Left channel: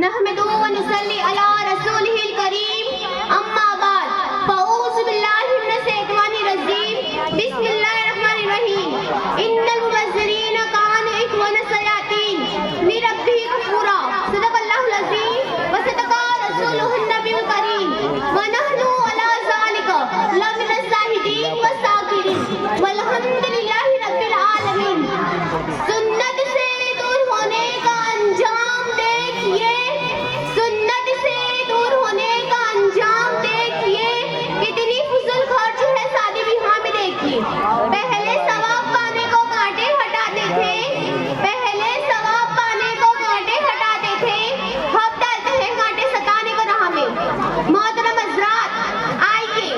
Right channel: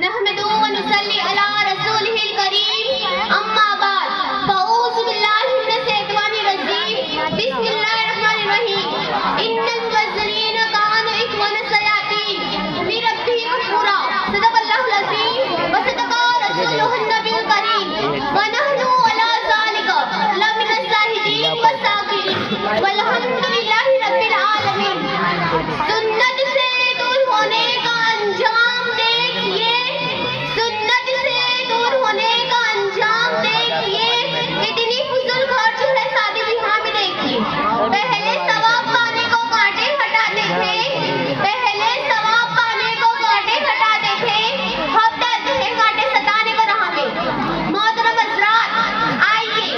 नहमदुहु व नुसल्ली अला रसूलिहिल करीम अम्मा बाद फ़ऊज़ु बिल्लाहि मिनश शैतानिर रजीम बिस्मिल्लाहिर रहमानिर रहीम इन्नल मुबज़्ज़िरीना कानू इख्वाना शयातीन लिरब्बिहिम कफूरा सदक़ल्लाहुल अज़ीम व सदक़ा रसूलुहुन नबियुल करीम व नहनु अला ज़ालिका लमिनश शाहिदीन व शाकिरीन वल्हम्दुलिल्लाहि रब्बिल आलमीन। सुन्नत से दूर होने का अंजाम देखिए, सुन्नत से दूर होने का अंजाम देखिए, इतनी फुजूल खर्च है शादी विवाह में देखिए। पहले सवाब पाने को कांटे हटाते थे, पहले सवाब पाने को कांटे हटाते थे, अब डालते हैं कांटे सताने को राह में। मोहतरम हज़रात, आइए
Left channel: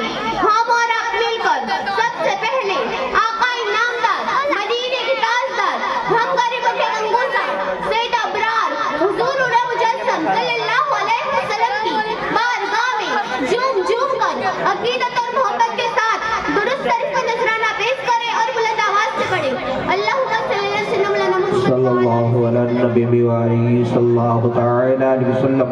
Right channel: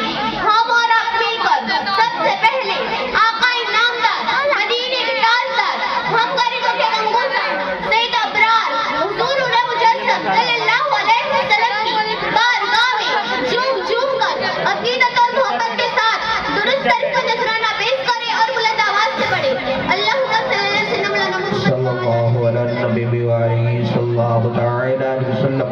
हम और आप मिलकर सबसे पहले आका इनामदार मदीने के ताजदार हम गरीबों के गंगोसार सैयद अबरार हुजूर मुजस्सम सल्लल्लाहु अलैहि वसल्लम की बारगाह में झूम कर अकीदत और मोहब्बत के साथ दुरुस्त शरीफ का नजराना पेश करें और बुलंद आवाज से पढ़ें। अल्लाहुम्मा सल्ली अला मुहम्मद सल्लल्लाहु अला नबी व आलिहि सल्लल्लाहु तआला अलैहि वसल्लम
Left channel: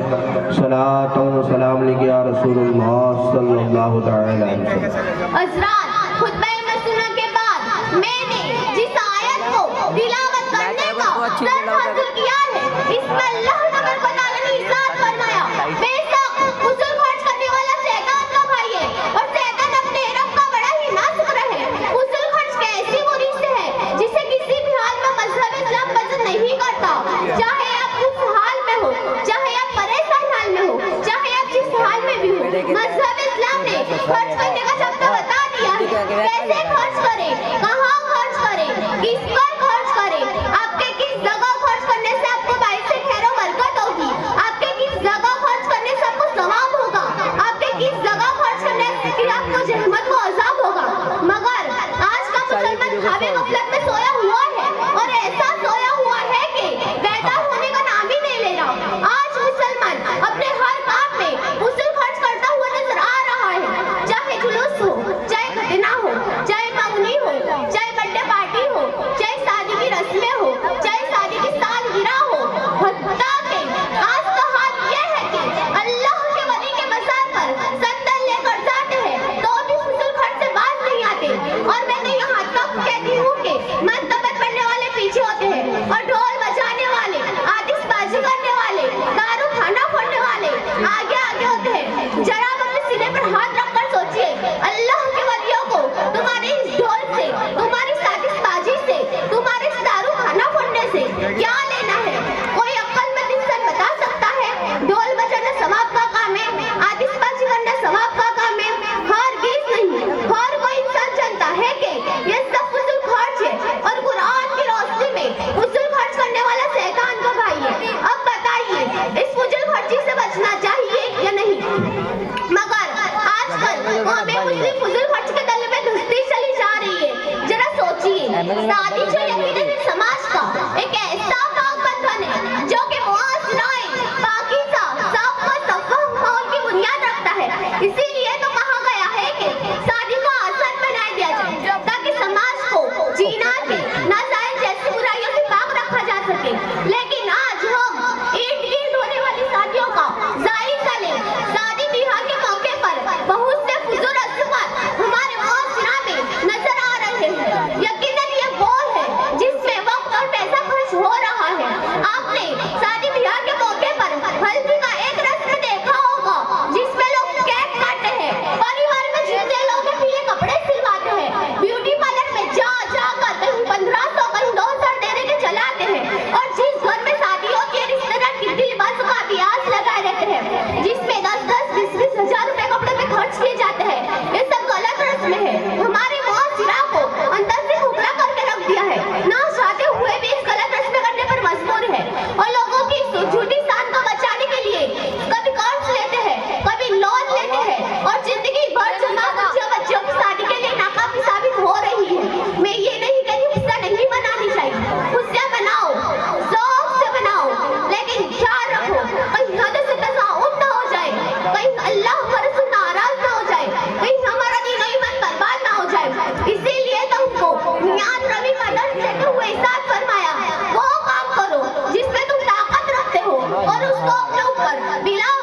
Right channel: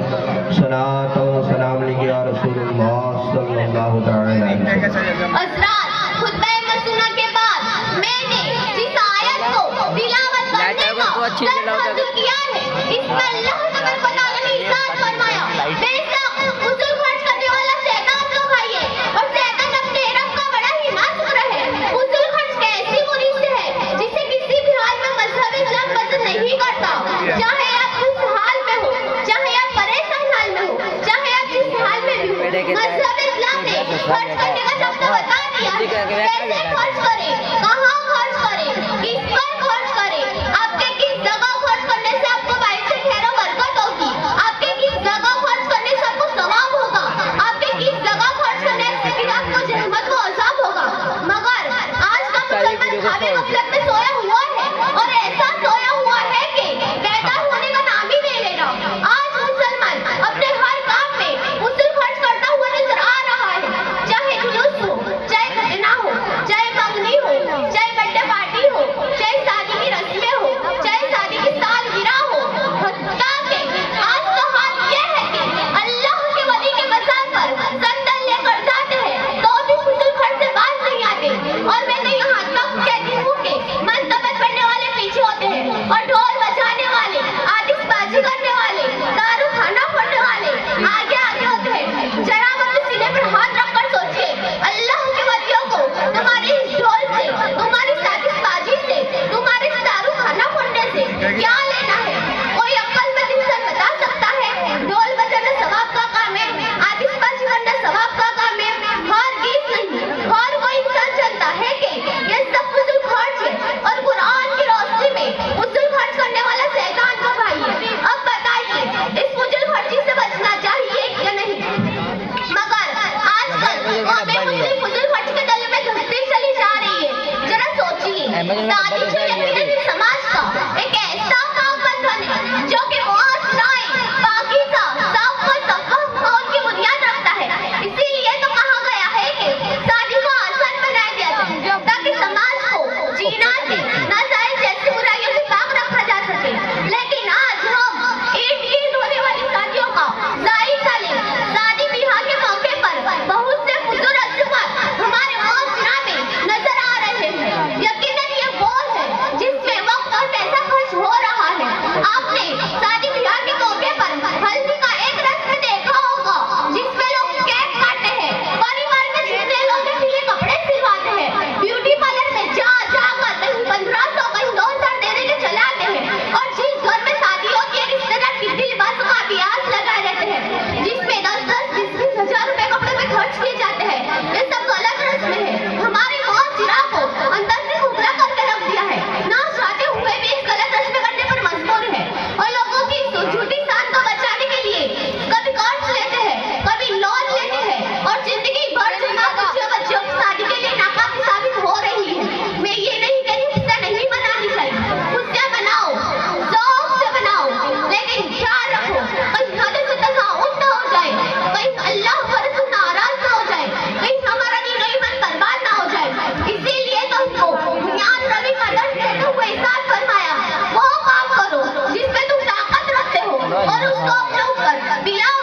सलात व सलाम अलैहि या रसूलुल्लाह सल्लल्लाहु तआला अलैहि वसल्लम। हज़रात, खुतबा मसूना के बाद मैंने जिस आयत को तिलावत करने का प्रयत्न किया है, इसमें अल्लाह ने मेरे को ताला इरशाद फरमाया, बेशक फुजूल खर्च करने वाला शैतान का भाई है और शैतान अपने रब का बड़ा ही नासुर है। फुजूल खर्च के ऐसी बुरी से है जिसे किसी भी हाल में मजहब इस्लाम पसंद नहीं करता। चाहे आप किस हाल में हो, चाहे आप परेशान हाल में हो, चाहे आप जिस हाल में भी हो, मजहब इस्लाम ने खर्च करने का सबको बता दिया है। कैसे खर्च करें, कहाँ खर्च करें, किस पर खर्च करें, आपके किस जगह खर्च करने से आपको बाइक से खैर बरकत होगी, आपके किस जगह खर्च करने से आपको सवाब होगा, आपके किस जगह खर्च करने से फिर आपको जहन्नत को अज़ाब होगा। मगर आज का मुसलमान खाबे गफलत में सोया हुआ है और ऐसा सोया हुआ है कि पैदा होने का नाम ही नहीं ले रहा। आज मुसलमान अपने हर काम में फुजूल खर्च करता हुआ नजर आ रहा है, चाहे जुलूस हो, चाहे खतना हो, चाहे मंगनी हो, चाहे बर्थडे पार्टी हो, चाहे शादी की रस्में हो, चाहे शादी की सालगिरह हो। हत्ता के आज का हाल यह है कि अल्लाह के वली के मज़ार पर संदल लेकर जाते हैं तो भी फुजूल खर्च से बाज नहीं आते। और मैं तो यहाँ तक कहती हूँ कि मंतबत पढ़ने वाले पीछे होते हैं और ढोल बजाने वाले, आतिशबाजी करने वाले, दारू खाना फोड़ने वाले आगे आगे होते हैं। जरा अपने सीने पर हाथ रखकर सोचिए, अल्लाह के वलियों को तुम्हारे इस ढोल से, तुम्हारी आतिशबाजी से, तुम्हारे इस दारू खाना फोड़ने से क्या लेना है? कोई अक्लमंद इंसान बता सकता है? ढोल बजाना सवाब का काम है, आतिशबाजी करना सवाब का काम है? हरगिज़ नहीं। हर कोई इंसान जानता है कि ये सब फुजूल खर्च है और कुरान की रोशनी में फुजूल खर्च करने वाला शैतान का भाई है। अब बताइए, इस फुजूल खर्ची से बचना चाहिए या नहीं? मगर आजकल हमें फुजूल खर्च के दल में धंसती चली जा रही है। जरा सोचिए, शादी जो यकीनन समाज का एक ऐसा काम बंधन है जो कि मुआशराए पाकीज़ा, साफ व सफ़ह माहौल की बुनियाद रखता है। इसीलिए तो कहा गया है कि शादी को आसान बना दिया जाए ताकि समाज को जीना से नाजायज जैसी बुराइयों से पाक रखा जा सके। लेकिन आज हम ईद ईद होने वाली शादियों का जायजा लें। शादी विवाह के मौके पर बहुत से फुजूल रस्मात हमारे मुआशरा में नजर आ रहे हैं। यकीनन ये वो है जिसमें वक्त और पैसा खर्च हो रहा है। आपने शादी विवाह के मौके पर हल्दी का एक रस्म देखा होगा जिसमें लोग केक काटते हैं, परिवार में जितने लोग हैं पीले कपड़े सिलवाते हैं, ब्यूटी पार्लर में जा कर कहीं 1500 कहीं 2000 देने के चले आते हैं और जिस घर में शादी होती है रिश्तेदार कितनी लिबासों का अभ्यास लगाए रहते हैं जिसमें 10-10, 20-20 हजार रुपए कपड़े में खर्च किए जाते हैं। ये सब गलत रस्म है, हमारे मुआशरा को अंदर से खोखला करके रख दिया है। ना चाहते हुए भी इस गलत रस्म करने पर मजबूर है और लोगों की उसको अपने ऊपर बिला